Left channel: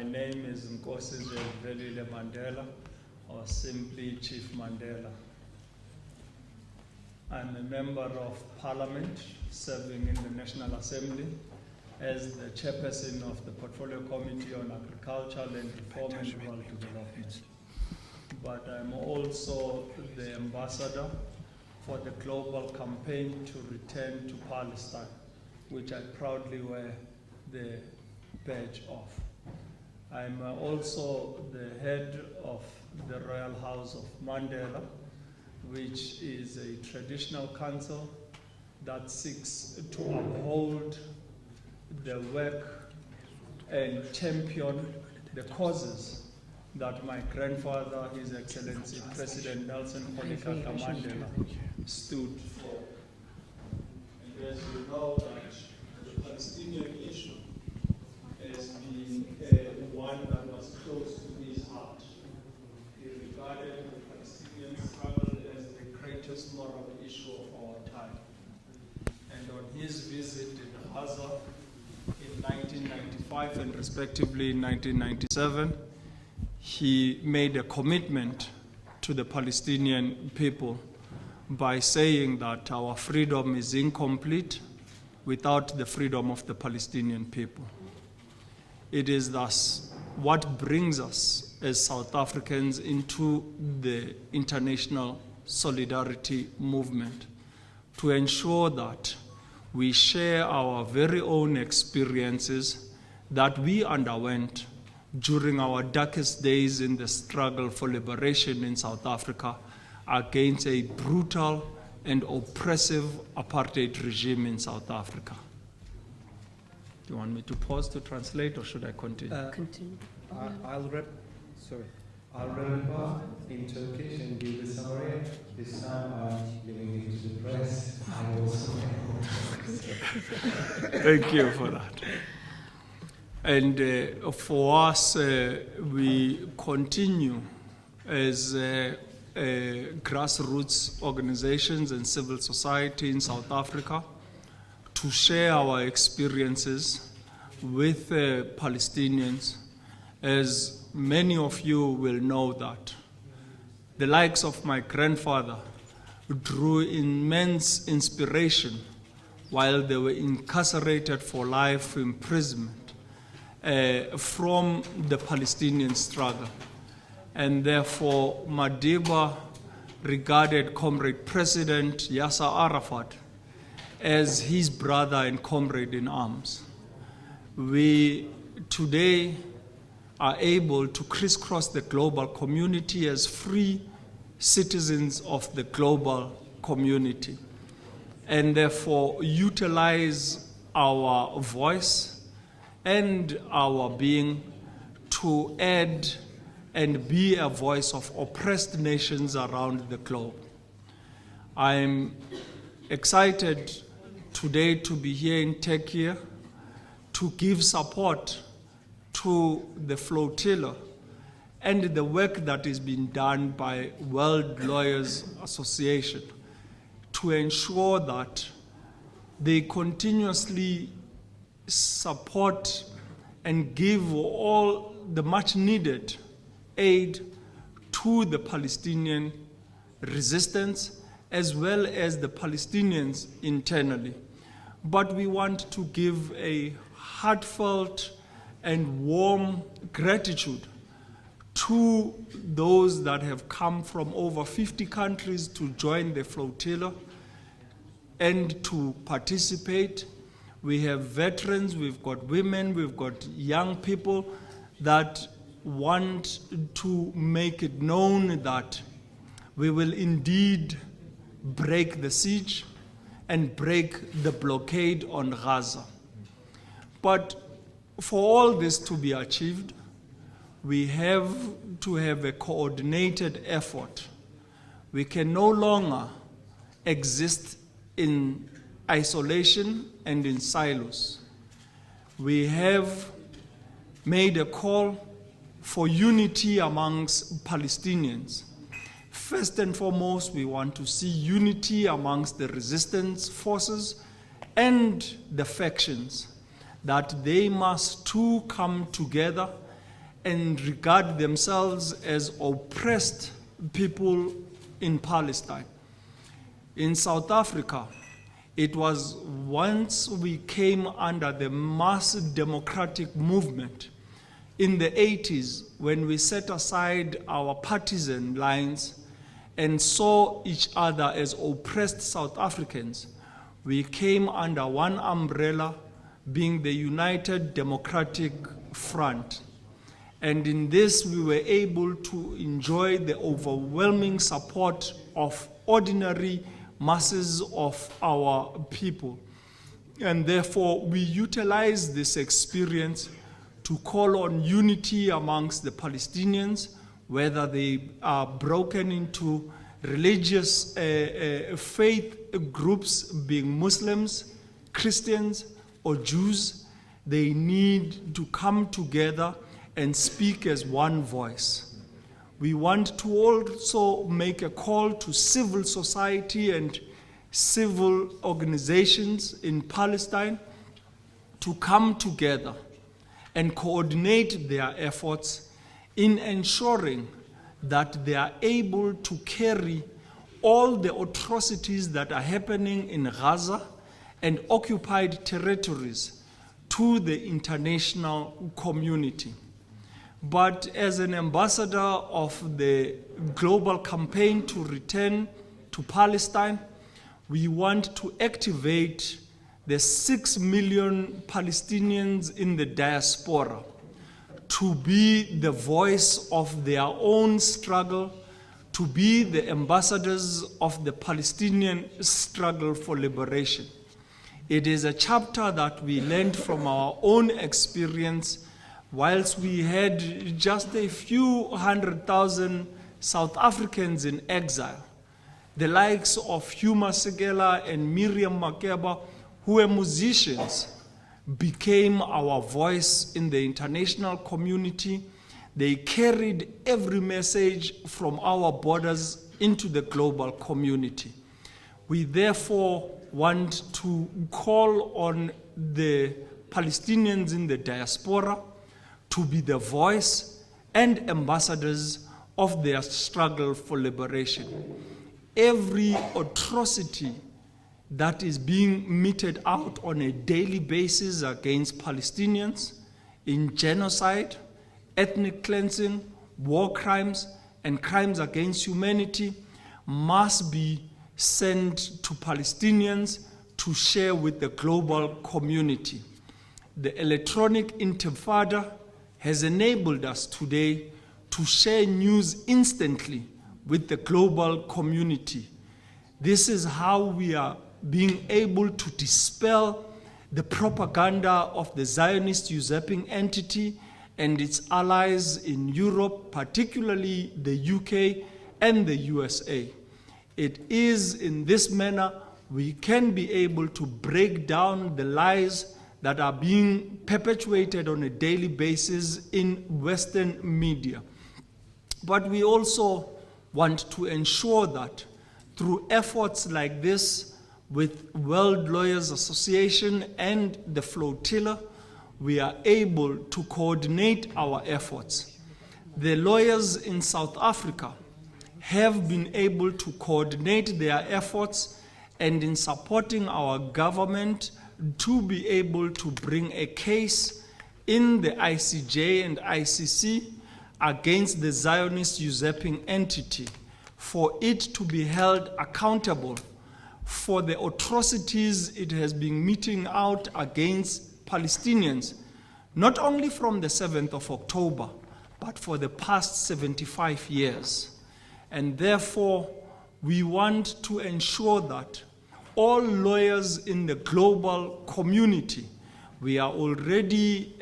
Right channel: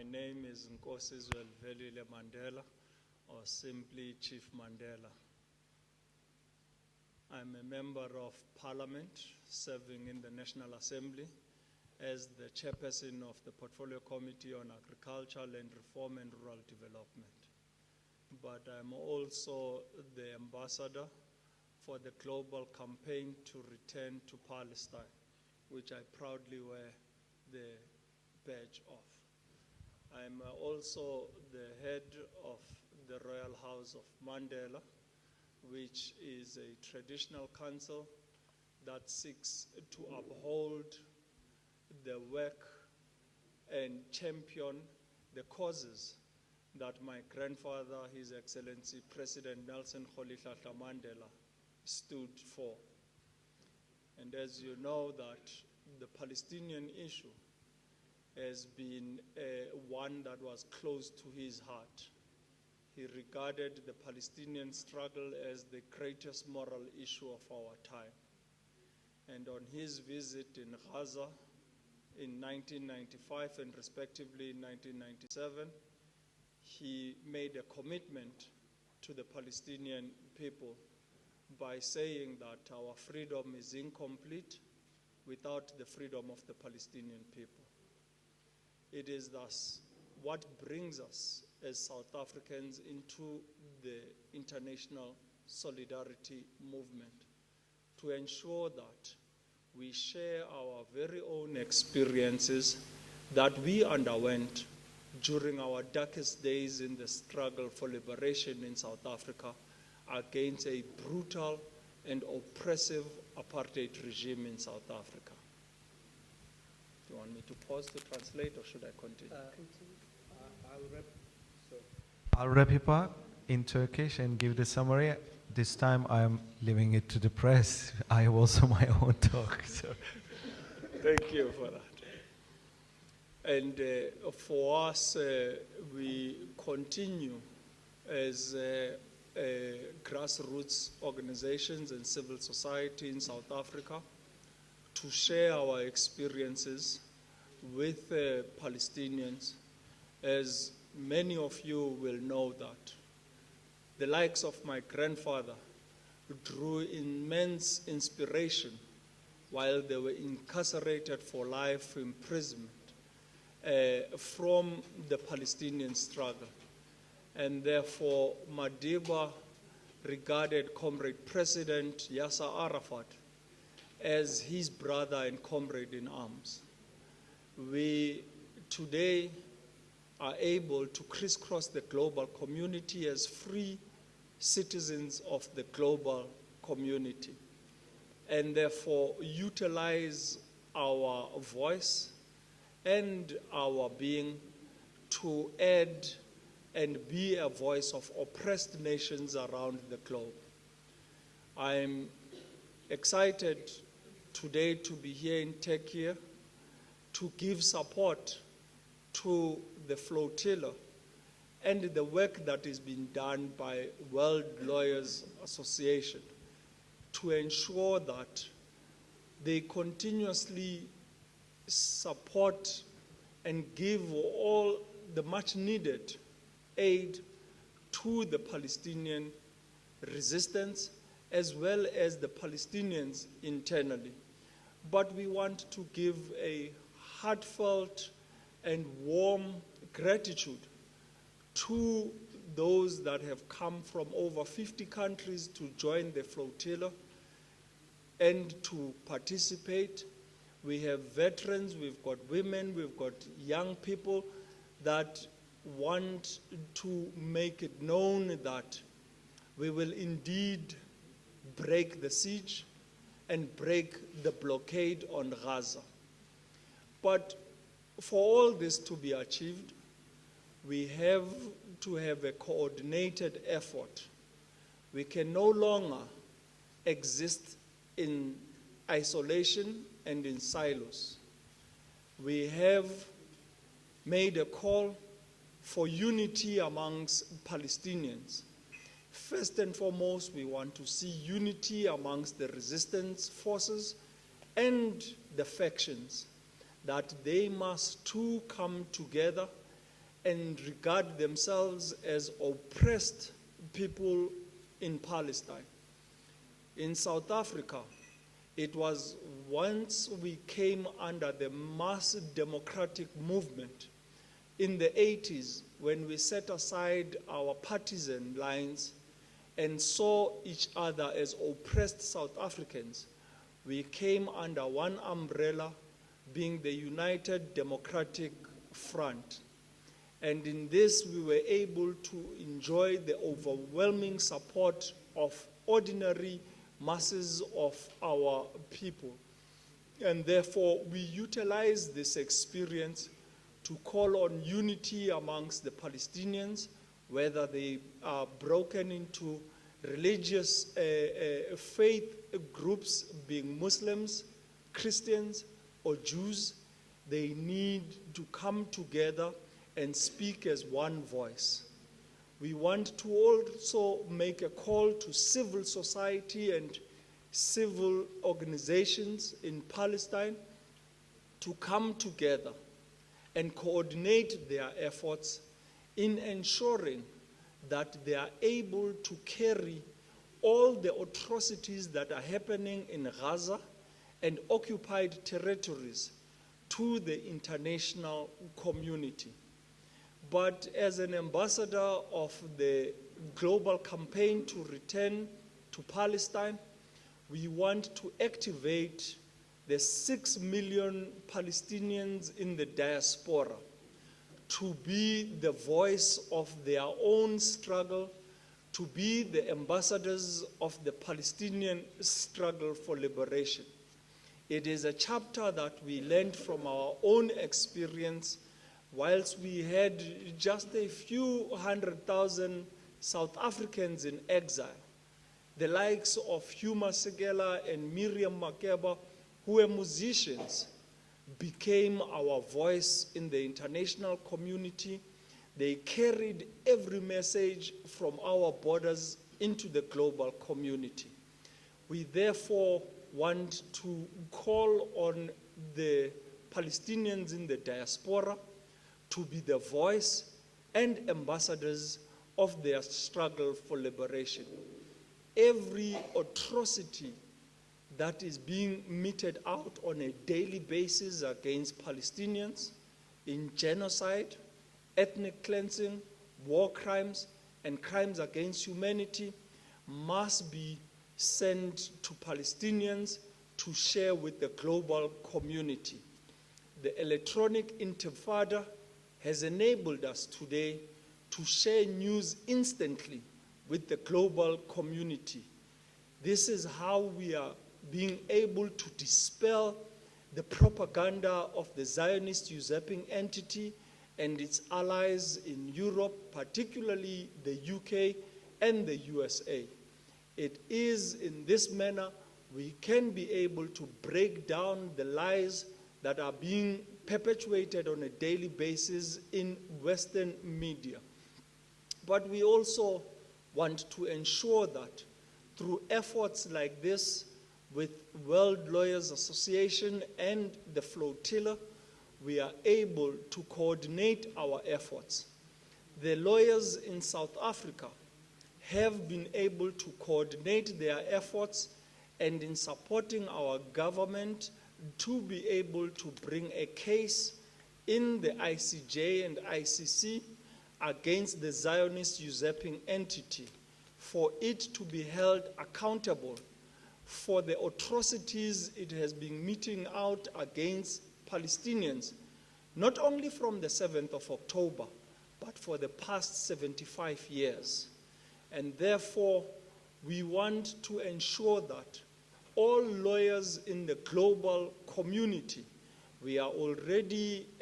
My name is Nkosi Velile Mandela, or simply Chief Mandela. I'm a member of Parliament serving in the National Assembly as the chairperson of the Portfolio Committee on Agriculture, Land Reform and Rural Development. But I'm also the ambassador for the global campaign to return to Palestine, which I proudly wear the badge of. I'm also the head of the Royal House of Mandela, which is a traditional council that seeks to uphold the work and champion the causes that my grandfather, His Excellency President Nelson Rolihlahla Mandela, stood for. And as you know, that the Palestinian issue has been one that was close to his heart. He regarded the Palestinian struggle as the greatest moral issue of our time. And on his visit in Gaza in 1995 and respectively in 1997, he made a commitment to the Palestinian people by saying that our freedom is incomplete without the freedom of the Palestinian people. It is thus what brings us as South Africans into the international solidarity movement, to ensure that we share our very own experiences that we underwent during our darkest days in the struggle for liberation in South Africa against a brutal and oppressive apartheid regime in South Africa. Do you want me to pause to translate, or should I continue? Continue. I'll wrap it up in Turkish and give the summary. This time I'm leaving it to the press. I have also my own talk. So. Thank you for that. And for us, we continue as grassroots organizations and civil society in South Africa to share our experiences with Palestinians. As many of you will know that the likes of my grandfather drew immense inspiration while they were incarcerated for life imprisonment from the Palestinian struggle. And therefore, Madiba regarded Comrade President Yasser Arafat as his brother and comrade in arms. We today are able to crisscross the global community as free citizens of the global community, and therefore utilize our voice and our being to add and be a voice of oppressed nations around the globe. I'm excited today to be here in Turkey to give support to the flotilla and the work that is being done by World Lawyers Association to ensure that they continuously support and give all the much needed aid to the Palestinian resistance as well as the Palestinians internally. But we want to give a heartfelt and warm gratitude to those that have come from over 50 countries to join the flotilla and to participate. We have veterans, we've got women, we've got young people that want to make it known that we will indeed break the siege and break the blockade on Gaza. But for all this to be achieved, we have to have a coordinated effort. We can no longer exist in isolation and in silos. We have made a call for unity amongst Palestinians. First and foremost, we want to see unity amongst the resistance forces and the factions, that they must too come together and regard themselves as oppressed people in Palestine. In South Africa, it was once we came under the mass democratic movement in the 80s when we set aside our partisan lines and saw each other as oppressed South Africans. We came under one umbrella, being the United Democratic Front. And in this, we were able to enjoy the overwhelming support of ordinary masses of our people. And therefore, we utilize this experience to call on unity amongst the Palestinians, whether they are broken into religious faith groups, being Muslims, Christians, or Jews. They need to come together and speak as one voice. We want to also make a call to civil society and civil organizations in Palestine to come together and coordinate their efforts in ensuring that they are able to carry all the atrocities that are happening in Gaza and occupied territories to the international community. But as an ambassador of the global campaign to return to Palestine, we want to activate the 6 million Palestinians in the diaspora to be the voice of their own struggle, to be the ambassadors of the Palestinian struggle for liberation. It is a chapter that we learned from our own experience whilst we had just a few 100,000 South Africans in exile. The likes of Huma Segela and Miriam Makeba, who were musicians, became our voice in the international community. They carried every message from our borders into the global community. We therefore want to call on the Palestinians in the diaspora to be the voice and ambassadors of their struggle for liberation. Every atrocity that is being meted out on a daily basis against Palestinians in genocide, ethnic cleansing, war crimes, and crimes against humanity must be sent to Palestinians to share with the global community. The electronic intifada has enabled us today to share news instantly with the global community. This is how we are being able to dispel the propaganda of the Zionist usurping entity and its allies in Europe, particularly the UK and the USA. It is in this manner we can be able to break down the lies that are being perpetuated on a daily basis in Western media. But we also want to ensure that through efforts like this with World Lawyers Association and the Flotilla, we are able to coordinate our efforts. The lawyers in South Africa have been able to coordinate their efforts and in supporting our government to be able to bring a case in the ICJ and ICC against the Zionist usurping entity for it to be held accountable for the atrocities it has been meting out against Palestinians, not only from the 7th of October, but for the past 75 years. And therefore, we want to ensure that all lawyers in the global community, we are already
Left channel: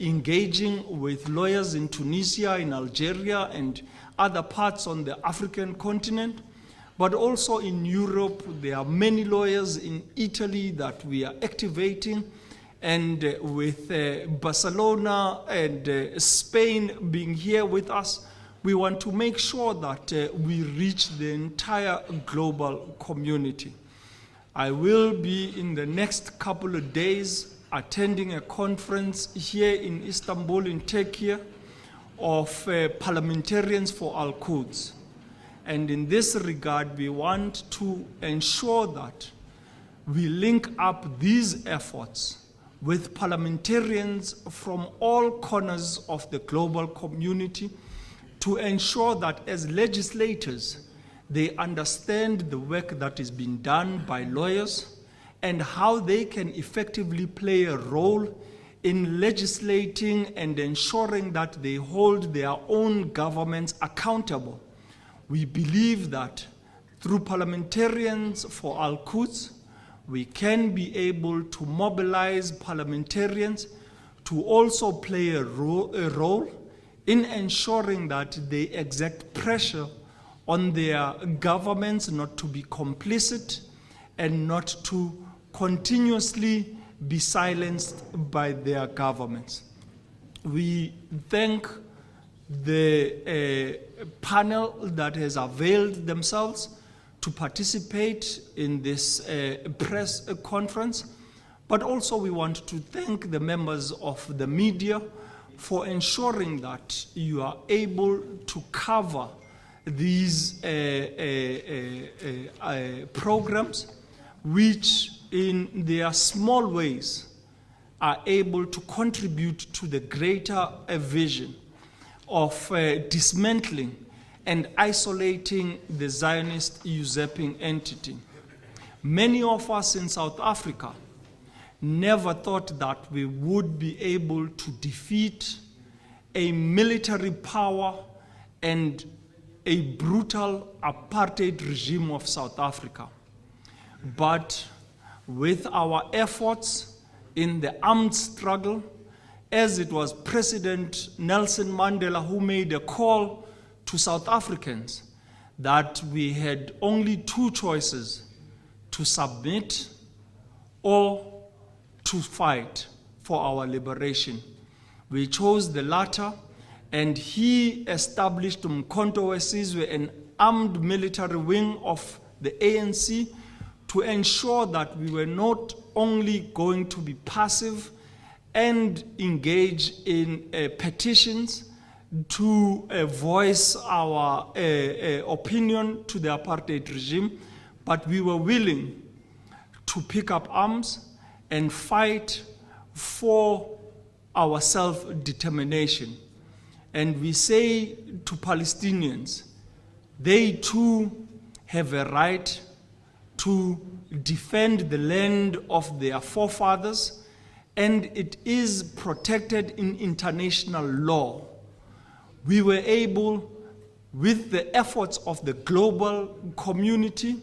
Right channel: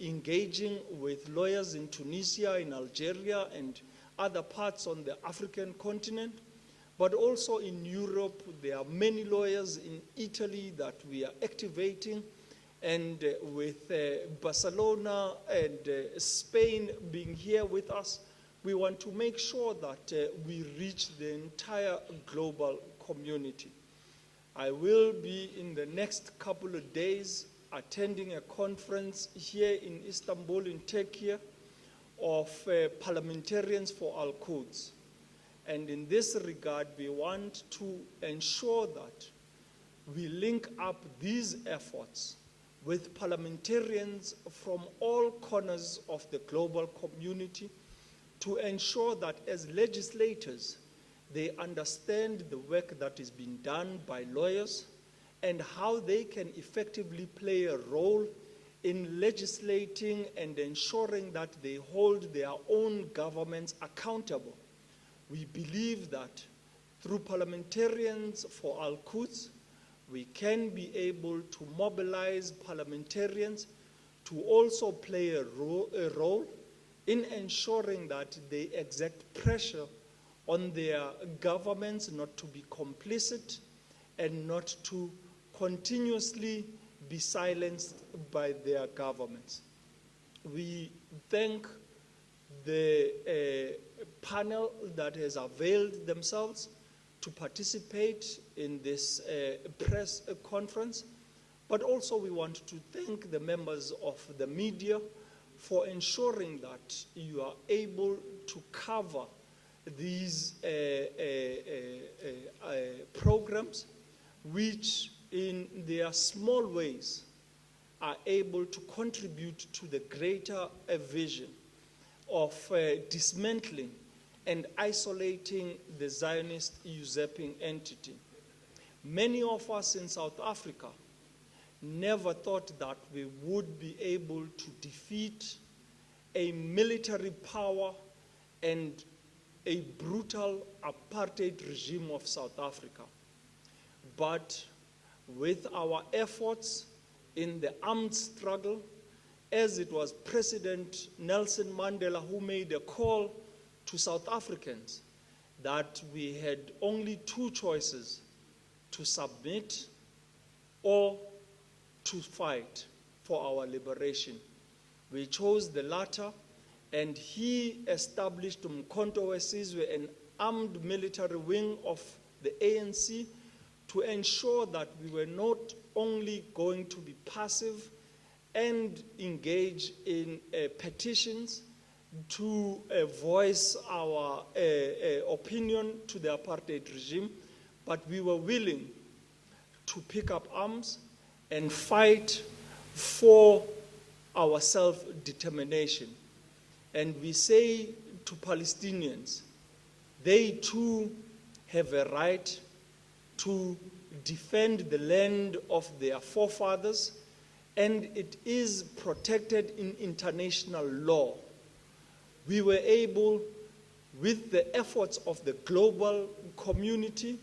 engaging with lawyers in Tunisia, in Algeria, and other parts on the African continent, but also in Europe. There are many lawyers in Italy that we are activating, and with Barcelona and Spain being here with us, we want to make sure that we reach the entire global community. I will be in the next couple of days attending a conference here in Istanbul, in Turkey, of parliamentarians for Al-Quds. And in this regard, we want to ensure that we link up these efforts with parliamentarians from all corners of the global community to ensure that as legislators, they understand the work that is being done by lawyers and how they can effectively play a role in legislating and ensuring that they hold their own governments accountable. We believe that through parliamentarians for Al-Quds, we can be able to mobilize parliamentarians to also play a role in ensuring that they exert pressure on their governments not to be complicit and not to continuously be silenced by their governments. We thank the panel that has availed themselves to participate in this press conference, but also we want to thank the members of the media for ensuring that you are able to cover these programs, which in their small ways are able to contribute to the greater vision of dismantling and isolating the Zionist usurping entity. Many of us in South Africa never thought that we would be able to defeat a military power and a brutal apartheid regime of South Africa. But with our efforts in the armed struggle, as it was President Nelson Mandela who made a call to South Africans that we had only two choices: to submit or to fight for our liberation. We chose the latter, and he established Umkhonto weSizwe, an armed military wing of the ANC, to ensure that we were not only going to be passive and engage in petitions to voice our opinion to the apartheid regime, but we were willing to pick up arms and fight for our self-determination. And we say to Palestinians, they too have a right to defend the land of their forefathers, and it is protected in international law. We were able, with the efforts of the global community,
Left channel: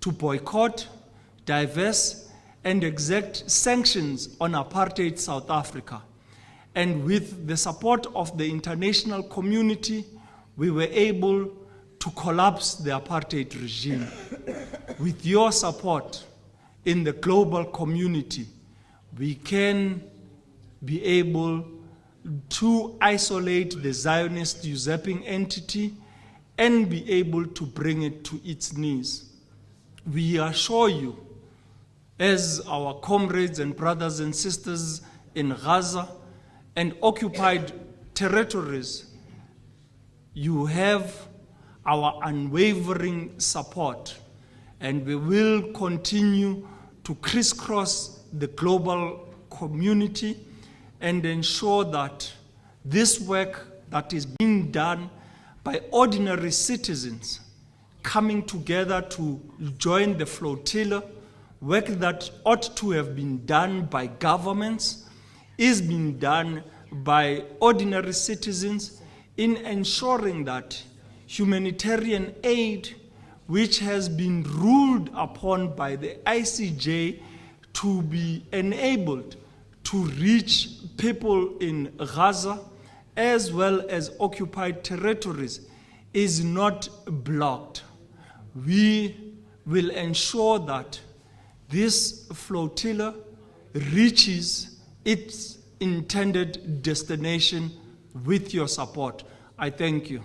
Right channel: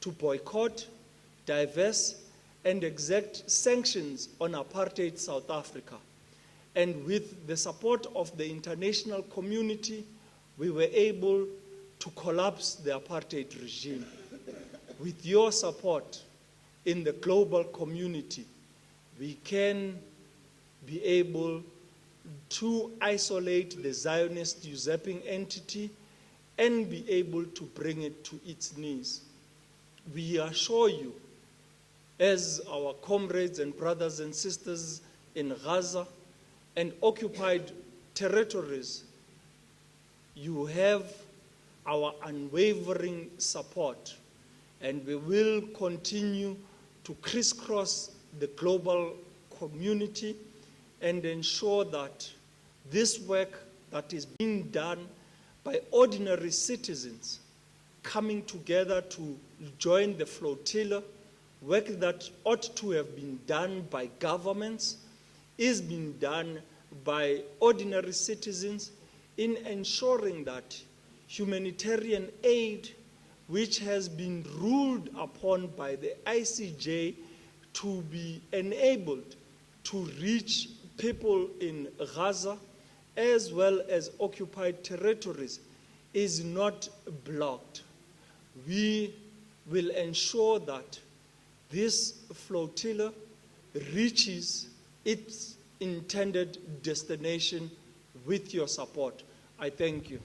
to boycott, divest, and exact sanctions on apartheid South Africa. And with the support of the international community, we were able to collapse the apartheid regime. With your support in the global community, we can be able to isolate the Zionist usurping entity and be able to bring it to its knees. We assure you, as our comrades and brothers and sisters in Gaza and occupied territories, you have our unwavering support, and we will continue to crisscross the global community and ensure that this work that is being done by ordinary citizens coming together to join the flotilla, work that ought to have been done by governments, is being done by ordinary citizens in ensuring that humanitarian aid, which has been ruled upon by the ICJ to be enabled to reach people in Gaza as well as occupied territories, is not blocked. We will ensure that this flotilla reaches its intended destination with your support. I thank you.